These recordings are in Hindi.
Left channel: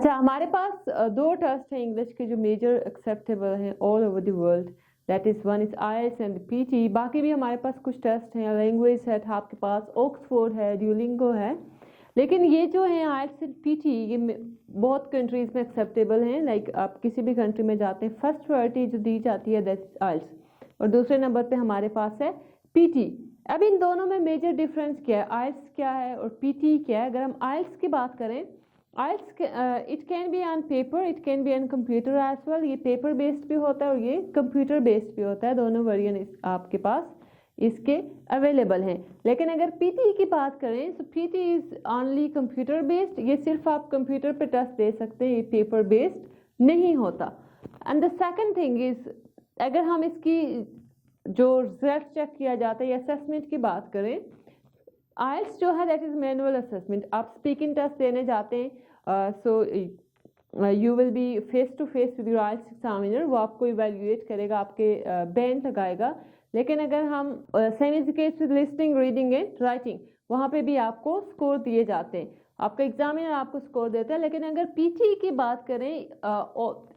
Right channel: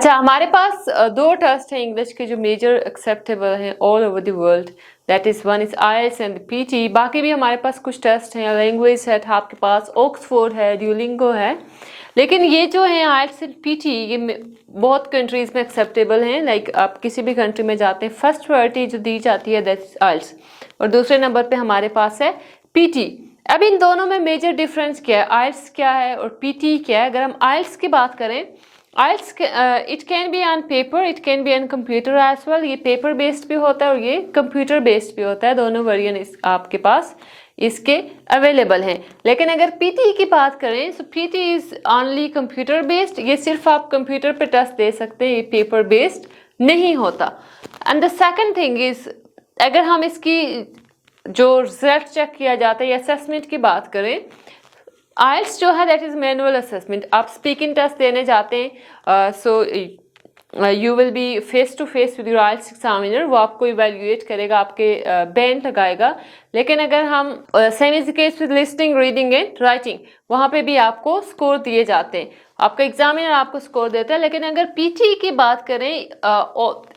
अच्छा, हमारे पास दो टेस्ट हैं इंग्लिश के जो मेजर एक्सेप्टेबल हैं all over the world, that is one is IELTS and PTE. बाकी भी हमारे पास कुछ टेस्ट हैं, लैंग्वेज सेट आपके पास ऑक्सफोर्ड है, ड्यूलिंगो है, लेकिन ये जो है आइल्स एंड पीटी ये बहुत कंट्रीज़ में एक्सेप्टेबल हैं। लाइक आप किसी भी कंट्री में जाते हैं, फर्स्ट प्रायोरिटी जो दी जाती है दैट इज आइल्स, और दूसरे नंबर पे हमारे पास है पीटी। अब इन दोनों में मेजर डिफरेंस क्या है, आइल्स क्या है और पीटी क्या है। अगर हम आइल्स की बात करें, IELTS it can be on paper, it can be on computer as well. ये पेपर बेस्ड भी होता है और ये कंप्यूटर बेस्ड भी होता है, दोनों वेरिएंट आपके पास इसके अवेलेबल हैं। लेकिन अगर पीटी की बात करें तो PT is only computer based, ये सिर्फ आप कंप्यूटर पे टेस्ट दे सकते हैं, ये पेपर बेस्ड नहीं होता। And the second thing is, अगर हम इसकी जो रिजल्ट चेक किया जाता है या असेसमेंट की बात करें, आइल्स जो है दैट इज़ मैनुअल असेसमेंट। आप स्पीकिंग टेस्ट देने जाते हैं, so you will be face to face with your IELTS examiner, वो आपको इवेल्युएट करेगा, आपके बैंड लगाएगा। लेकिन अगर हम same is the case with listening, reading and writing, वहाँ पे भी आपको स्कोर दिए जाते हैं, आपका एग्जामिनर आपको स्कोर देता है। लेकिन अगर पीटी की बात करें,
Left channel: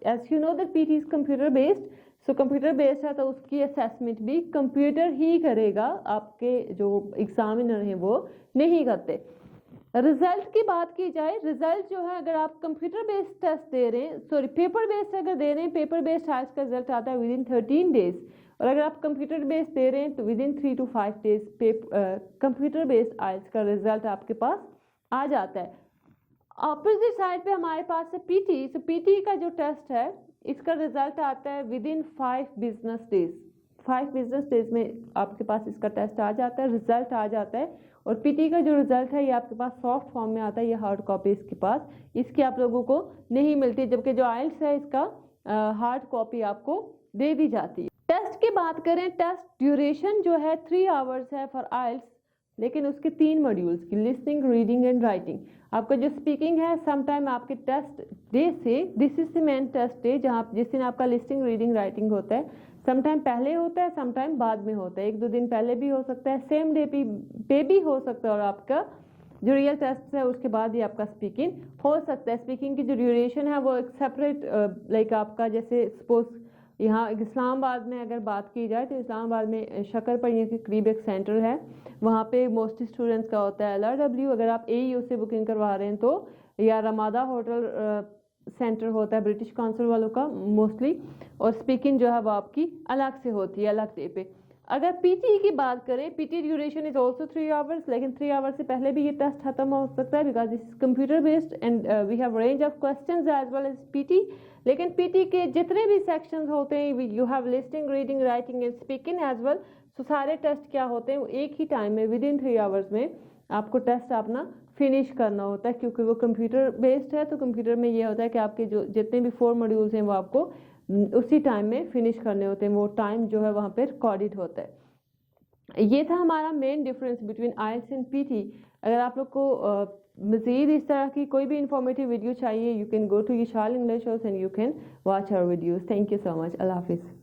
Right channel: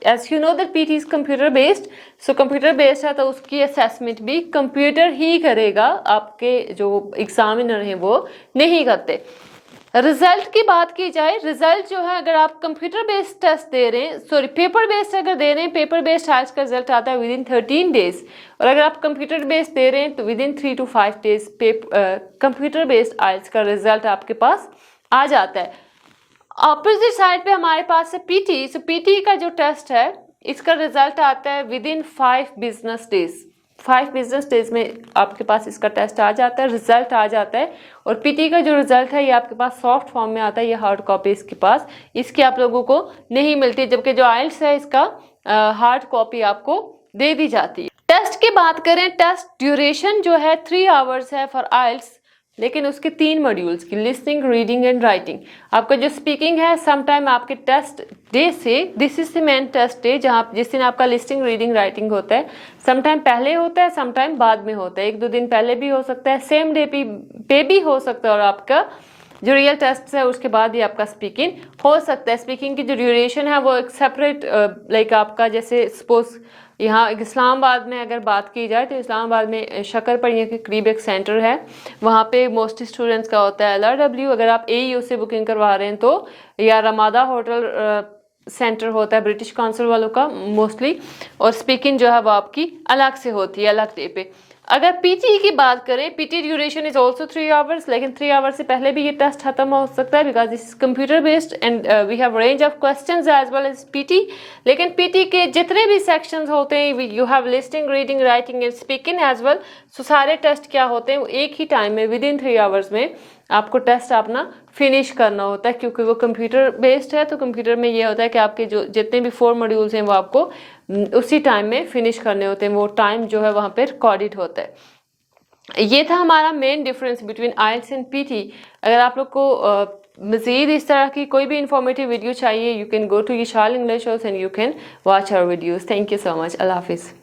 as you know that PTE is computer based, so computer based है तो उसकी असेसमेंट भी कंप्यूटर ही करेगा, आपके जो एग्जामिनर हैं वो नहीं करते। रिजल्ट की बात की जाए, रिजल्ट जो है अगर आप कंप्यूटर बेस्ड टेस्ट दे रहे हैं, सॉरी पेपर बेस्ड अगर दे रहे हैं, पेपर बेस्ड आइल्स का रिजल्ट आता है विद इन 13 डेज, और अगर आप कंप्यूटर बेस्ड दे रहे हैं तो within 3 to 5 days computer based IELTS का रिजल्ट आपके पास आ जाता है। ऑपोजिट साइड पे हमारे पास है पीटी। सो पीटी का जो टेस्ट है इसका रिजल्ट आता है with in 5 business days, 5 business days में आपके पास इसका टेस्ट आ जाता है, रिजल्ट आ जाता है। और पीटी का जो रिजल्ट है ये आपके पास सॉफ्ट फॉर्म में आता है, ये हार्ड कॉपी इसके पास, इसकी आप लोगों को नहीं मिलती, जबकि जो आइल्स है इसका हार्ड कॉपी आपको दे दी जाती है। टेस्ट की बात करें, टेस्ट ड्यूरेशन जो है 3 आवर्स है फॉर आइल्स, लेकिन उसके 3 मॉड्यूल्स की, लिसनिंग, रीडिंग एंड राइटिंग। आपका जो स्पीकिंग है समटाइम आपके टेस्ट डे से, this is the main test day, जहाँ जिस दिन आपका लिसनिंग, रीडिंग, राइटिंग होता है, समटाइम पहले होता है, समटाइम बाद में होता है, 1-2 दिन पहले भी हो सकता है, सेम डे पे भी हो सकता है, और आपका जो रियल टेस्ट है उसके बाद ही आपका स्पीकिंग हो सकता है। स्पीकिंग की जो ड्यूरेशन है वो एक सेपरेट, लाइक आपका जैसे सपोज यहाँ इस्लामाबाद में अगर बात की जाए तो इस्लामाबाद में शक्करपड़िया के करीब एक सेंटर है, वहाँ पे मोस्टली स्टूडेंट्स का होता है LRW। अगर आप AEU से बुकिंग करवा रहे हैं तो, या रमादा होटल सेंटर होता है ब्रिटिश काउंसिल वालों का मोस्टली, और स्पीकिंग जो है वो आपकी अलग से होती है, अलग डे पे। अगर पीटी की बात करें, PT duration is also 3 hours, लेकिन 3 आवर्स से पहले भी ये टेस्ट खत्म हो सकता है, because this is computer based and we have range of questions as well as PT. लेकिन पीटी के जितने भी सेक्शंस होते हैं, you have listening, reading, writing and speaking as well, so सारे टेस्ट क्या होते हैं वो एक ही टाइम में विद इन 3 आवर्स में आपको टेस्ट अपना फिनिश करना होता है, क्योंकि वो कंप्यूटर बेस्ड है। तो कंप्यूटर में ये होता है कि आपके जो जितने भी 4 मॉड्यूल्स हैं वो आपको उसी टाइम में फिनिश करने होते हैं, वो टाइम जो है वहाँ पे रिकॉर्डेड होता है। ये था हमारा main difference between IELTS and PTE. अगर आप लोग को मज़ीद इस तरह की कोई भी इंफॉर्मेटिव वीडियो चाहिए, you can go to Yashal English and you can watch our videos. Thank you so much. अल्लाह हाफिज़।